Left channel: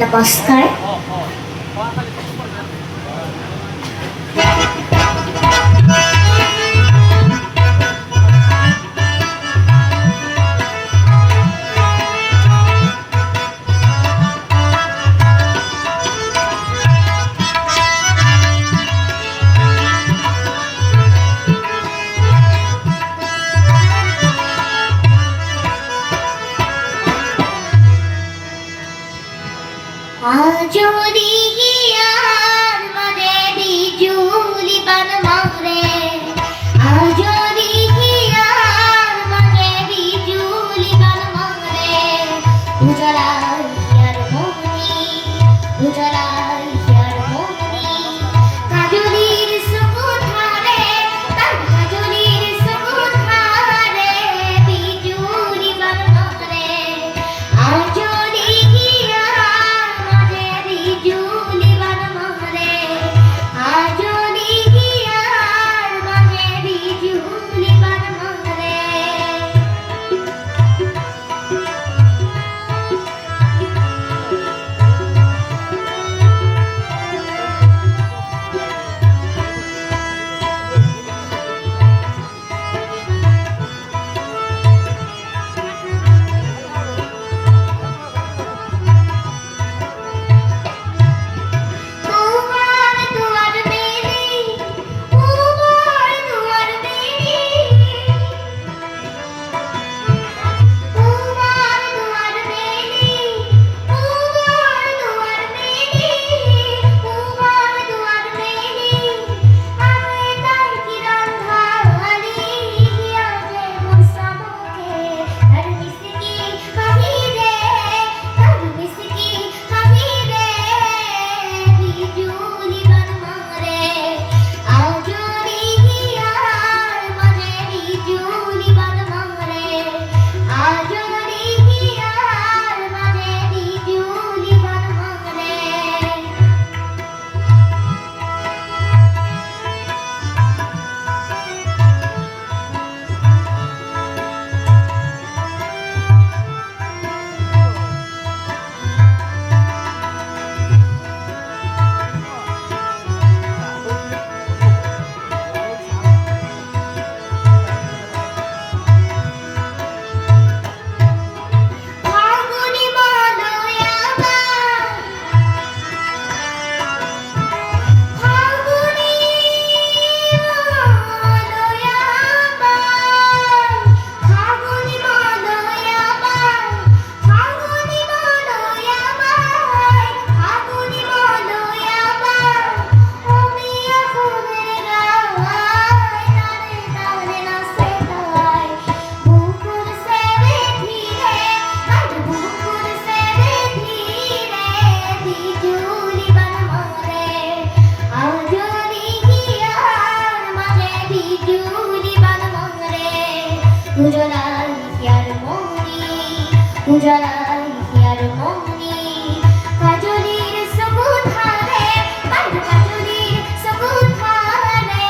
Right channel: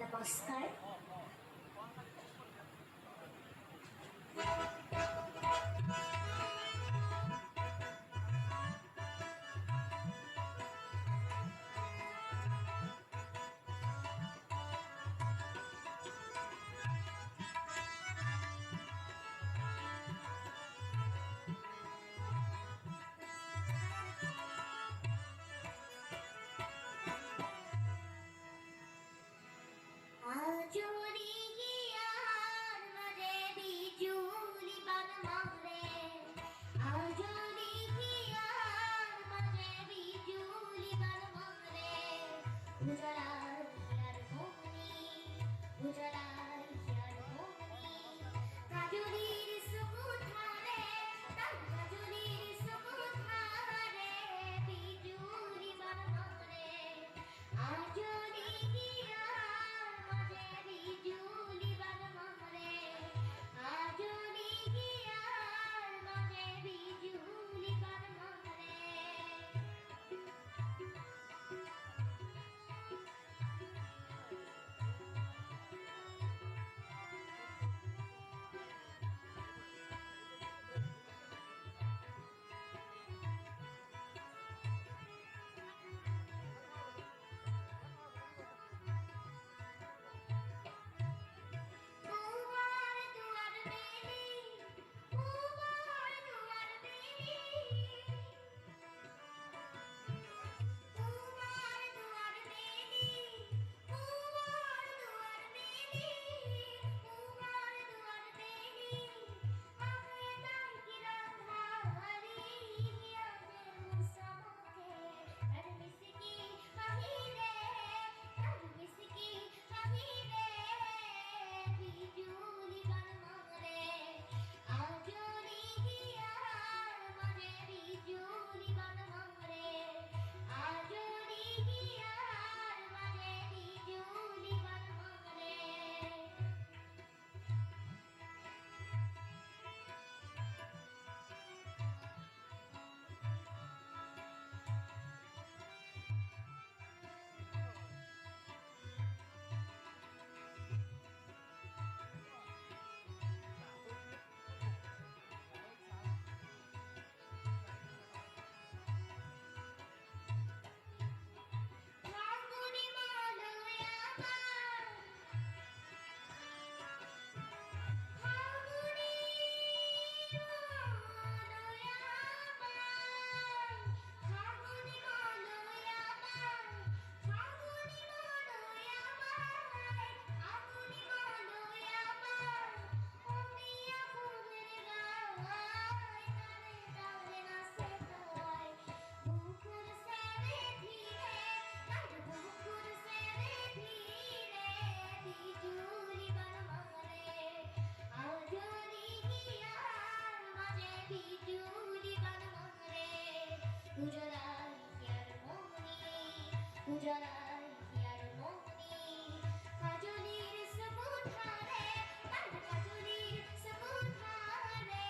নমস্কাৰ। যদি গিয়ার মানে বিজুলি বান মারে, যদি গিয়ার মানে বিজুলি বান মারে, উজলার হিয়ার মনি, উজলার হিয়ার মনি, কাজলির সুকুন হারে, তার কাজলির সুকুন হারে, বিজুলি বান মারে। যদি উজলার হিয়ার মনি, উজলার হিয়ার মনি, কাজলির সুকুন হারে, তার কাজলির সুকুন হারে,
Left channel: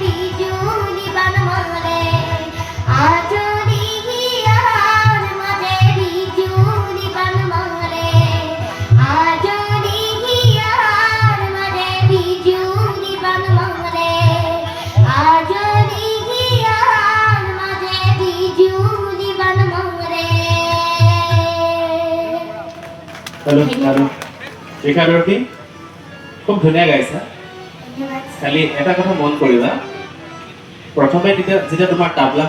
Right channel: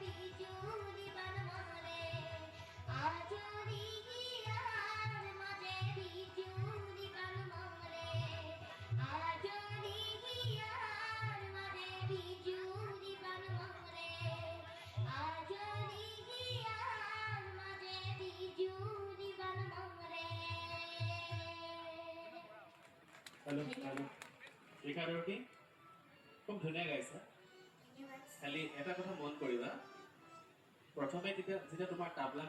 বিজুলি বান মারে। যদি হিয়ার মাঝে বিজুলি বান মারে, যদি হিয়ার মাঝে বিজুলি বান মারে, যদি হিয়ার মাঝে বিজুলি বান মারে। শিক্ষাৰ্থী খুব ধুনীয়া গাইছা। খালি এটা কথা মন কৰিবা, প্ৰথমে যেতিয়া তোমাৰ তাবলা